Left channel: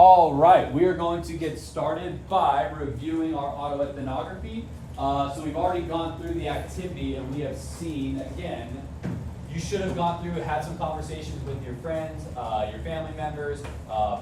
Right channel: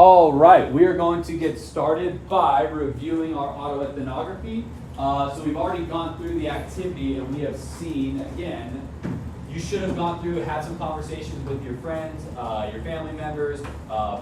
All right, we are going to get started by reviewing our autoethnography. So we've already gone through the activity and we have seen, again, you should have gone through, had some conversations with your friends, your family members,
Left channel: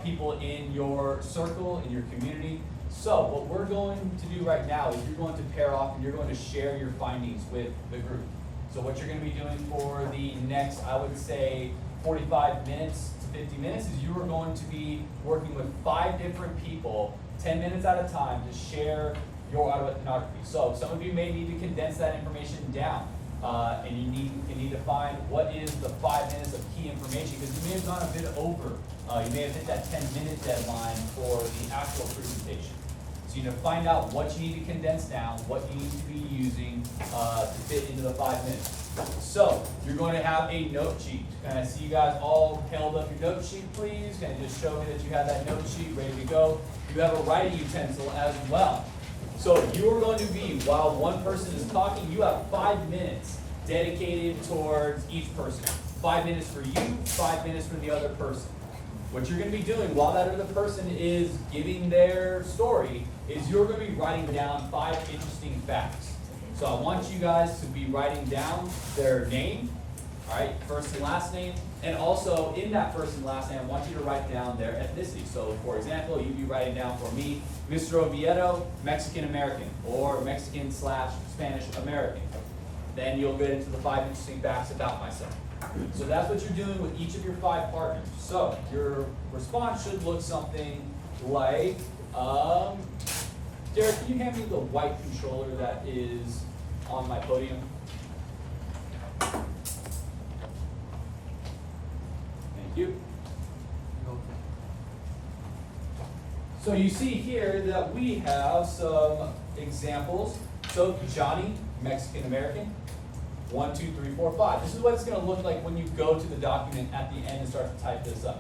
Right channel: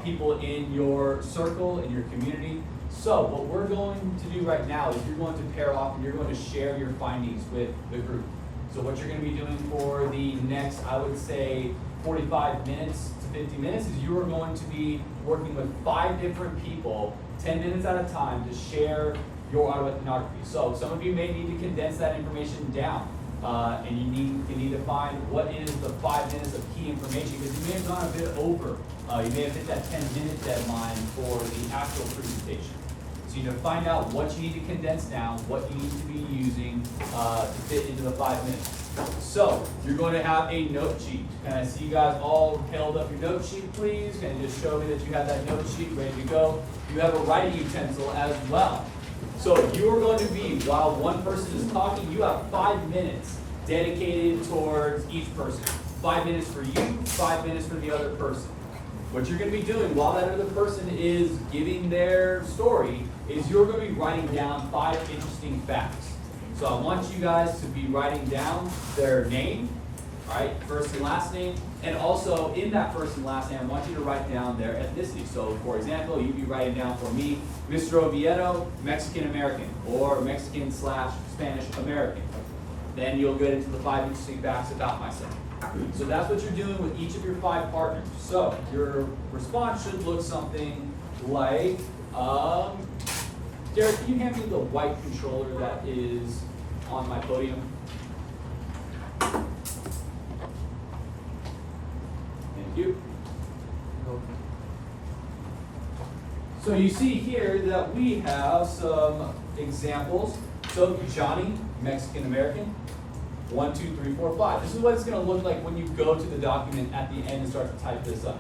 people in your circle, in your community. So what we're going to do right now is you're going to pair off and you're going to share your findings with the group. So what you're going to be doing for the next, I would say, 45 minutes to 50 minutes is you are going to be working with 5 different people, 10 minutes at a time, to share your autoethnography. So some of you may need to condense that information down, and you need to find what is the 5 minutes of key information, because you may have gone a bit over. You may have hit that 10-minute deadline for the actual presentation. So you need to find out what you need to condense down, what you need to be using to fit into the 5 minutes. So you're going to have a note sheet. Can I see you guys all held up your note sheet, please? And just show me that you have that note sheet ready to go. You have a writing utensil as well. So you are going to be, while one person is talking, you have 5 minutes dedicated towards each person. 5 minutes for you, 5 minutes for the other person. What you're going to be doing while that other person is giving their story is you're going to be writing down 5 interesting facts. So I want you guys to be writing down their name, right, first and last name, and also in that first and last name, I want you to write down their ethnicity. So for example, you'd be writing down for me, Mr. Oviedo, Mexican-American, or Mexican/Spanish American. Then you'll get into the 5 interesting facts about myself. So that's what you're doing with each of your 5 partners. So your response should look something like, Derek, can you hand me the white controller that is on my podium? Thank you. So you see here that we have some examples. So Johnny, Mexican American, 1, 2, 3, 4, 5. This is what it's going to look like when you go to the document at the end and start to type this up.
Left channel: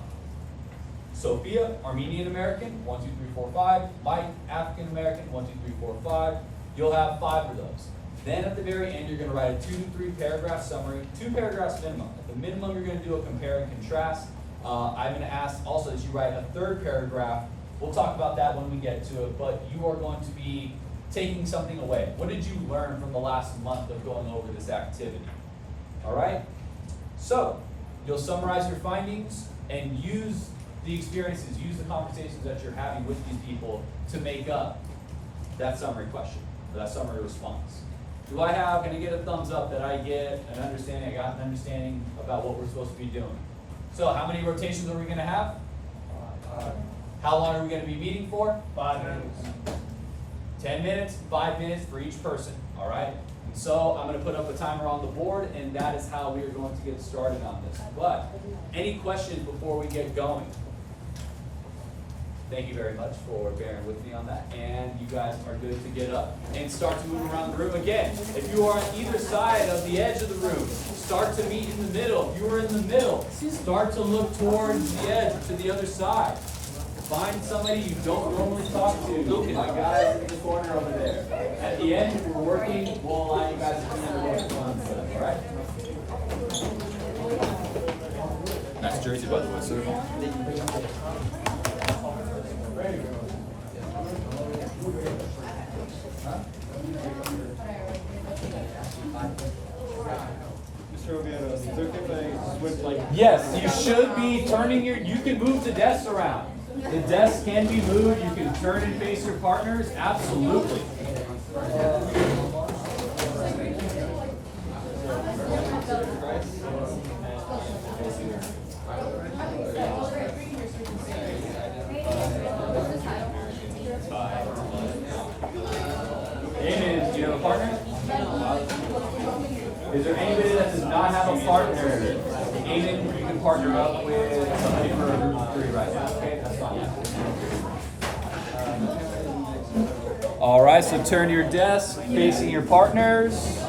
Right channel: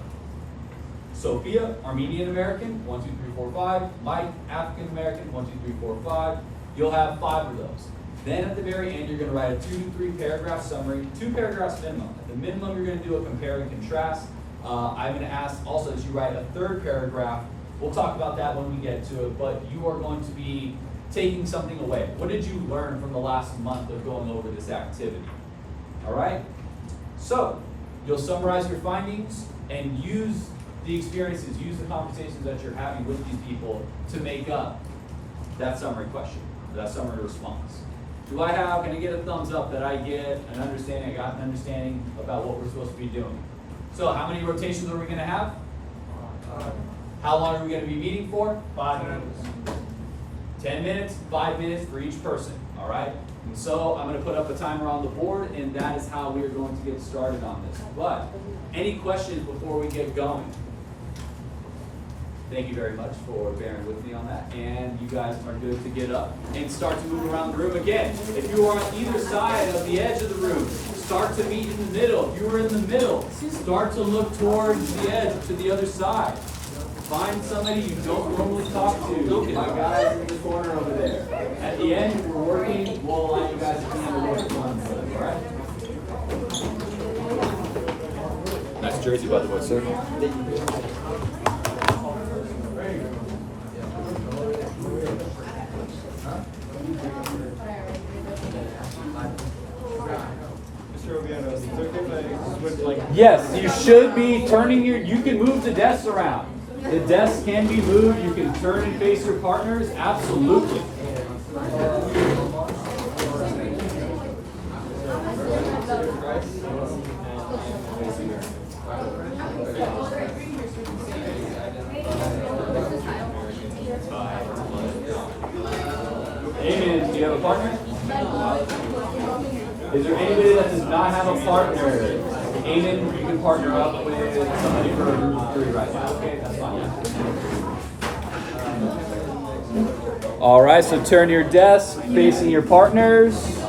Sophia, Armenian American, 1, 2, 3, 4, 5. Mike, African American, 1, 2, 3, 4, 5. You'll have 5 of those. Then at the very end, you're going to write a 2 to 3 paragraph summary, 2 paragraphs minimum. At the minimum, you're going to do a compare and contrast. I'm going to ask also that you write a 3rd paragraph. We'll talk about that when we get to it, but you are going to be taking something away. What did you learn from the last month of going over this activity? All right? So you'll summarize your findings and use the experiences, use the conversations that you're having with these people to make up that summary question, that summary response. Can I get a thumbs up that I get an understanding, I got an understanding about what we're supposed to be doing? So how many rotations are we going to have? How long are we going to be meeting for? 5 minutes. 10 minutes, 5 minutes for each person, all right? And so I'm going to put up a timer on the board, and that is how we are going to get started on this. But any questions before we get going? Thank you very much for bearing with me on that. And you guys are good to get up and start to move around the room again. If you are on either side of the edge of the room, start to meet in the middle. If you are in the middle, start to look towards the edge to the other side. Find somebody you don't normally talk to. Look at my guys in the corner over there. At the end, if we're working, we'll allow you guys to come in and work on them, all right? Nice jersey, by the way, sir. Yes, you should be turning you can move the desks around. The desks can be moved. You can turn and face your partners. Absolutely. Amen. Do you have a partner? Is there anybody that does not have a partner? Amen, you can partner up with somebody for group of 3 right now, okay? That's fine. All right, so turn your desk facing your partners.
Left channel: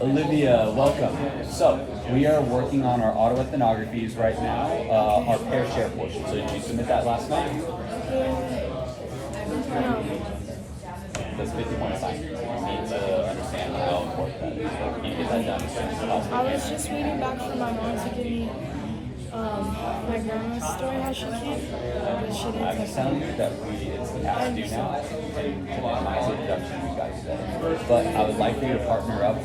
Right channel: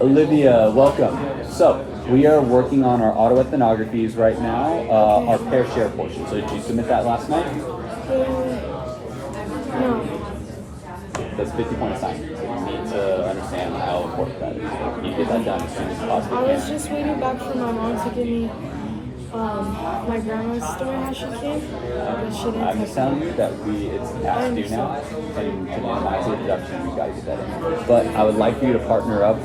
Olivia, welcome. So, we are working on our autoethnographies right now, our pair share portion. So, did you submit that last night? No. That's 50 points time. So, you need to understand how important that is. So, you need to get that done as soon as possible. I was just waiting back for my mom to give me my grandma's story how she came, but she didn't I'm touch just telling it. you that it's past due now, and to maximize the production, we gotta get that in first. But I would like for you to partner up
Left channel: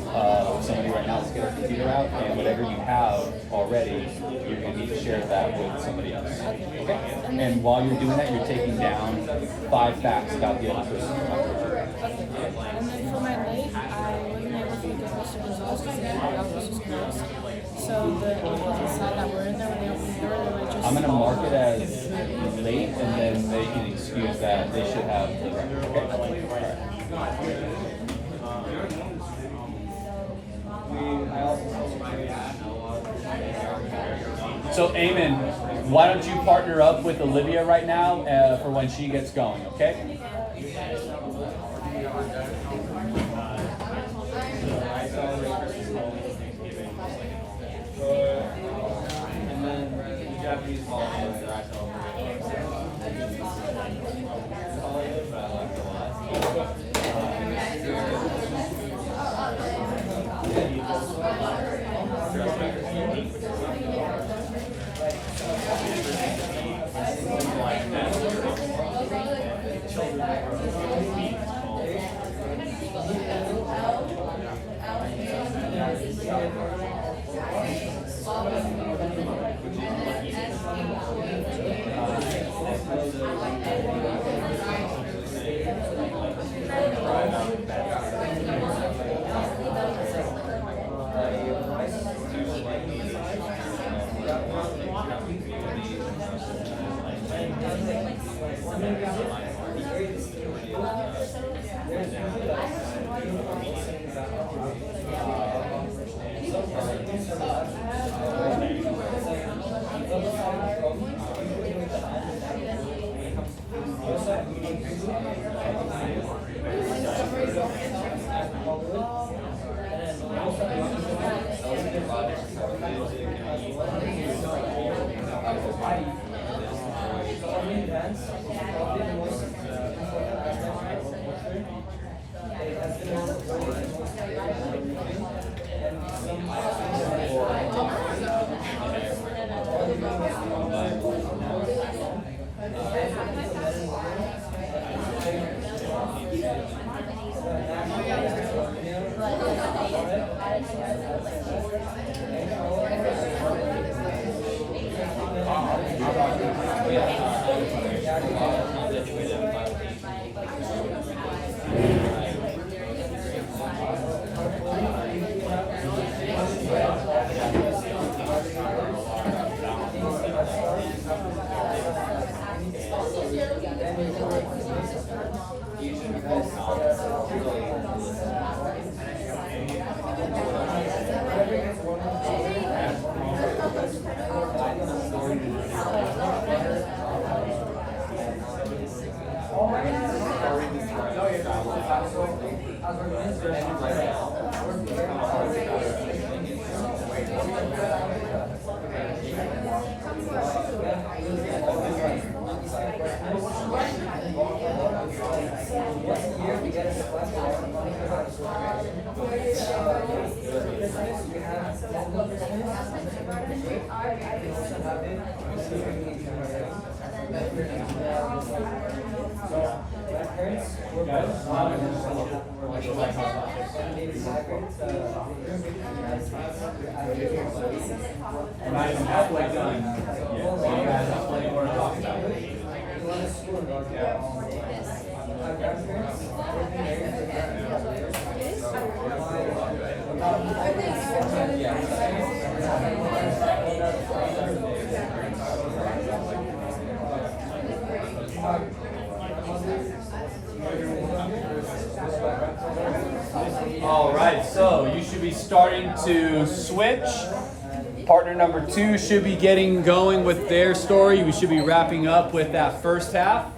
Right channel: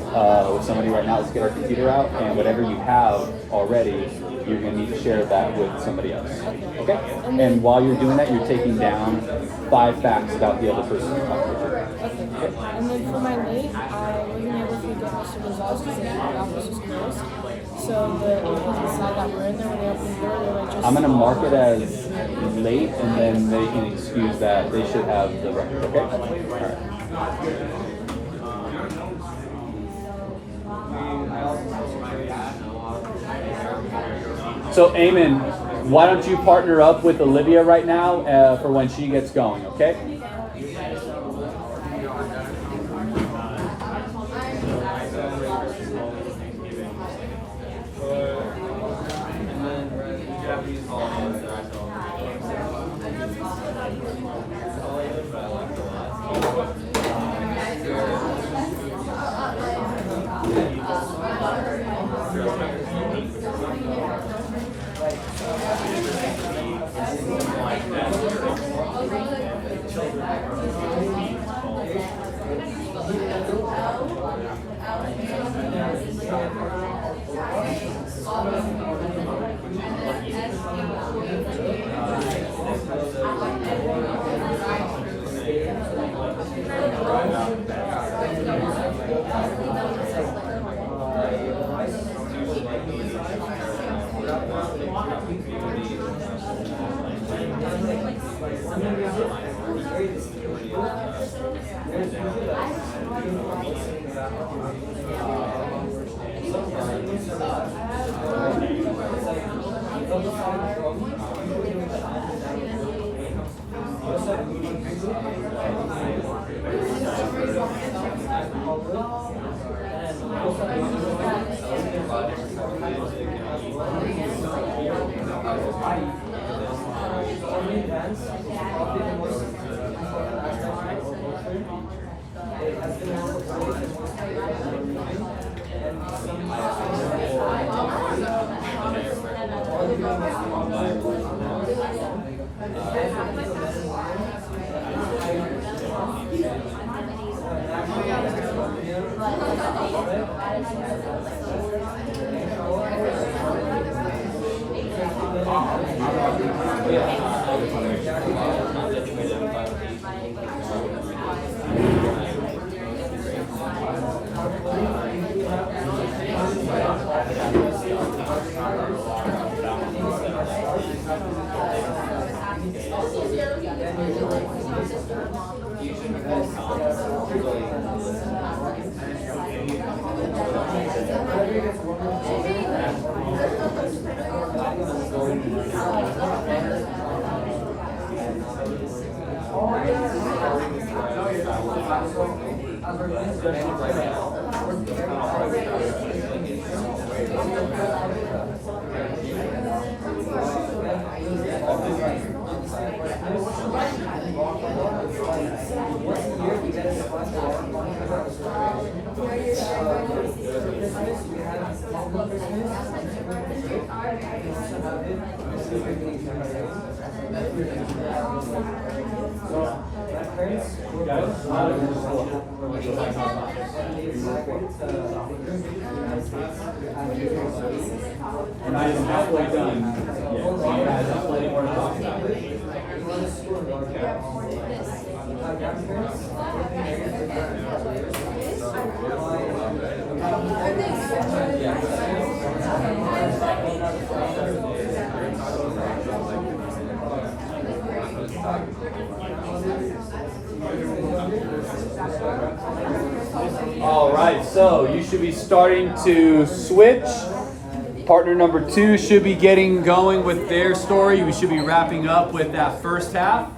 with somebody right now. Let's get our computer out, and whatever you have already, you're gonna need to share that with somebody else. Okay? And while you're doing that, you're taking down 5 facts about the other person you're talking to. Okay. And then for my late, I wasn't able to get Mr. Gonzalez because the office was closed. So the APs decided that we're in there when they opened the door. They were just. I'm gonna mark it as late, and then they can excuse that. They should have the record. Okay. So, Eamon, why don't you partner up with Olivia right now for when she gets going, okay? We're not even halfway done yet. So you guys have plenty more to talk about. All right, so you should be starting to switch. Partner number 2 should be getting going with their story. We should be wrapping up with that first half.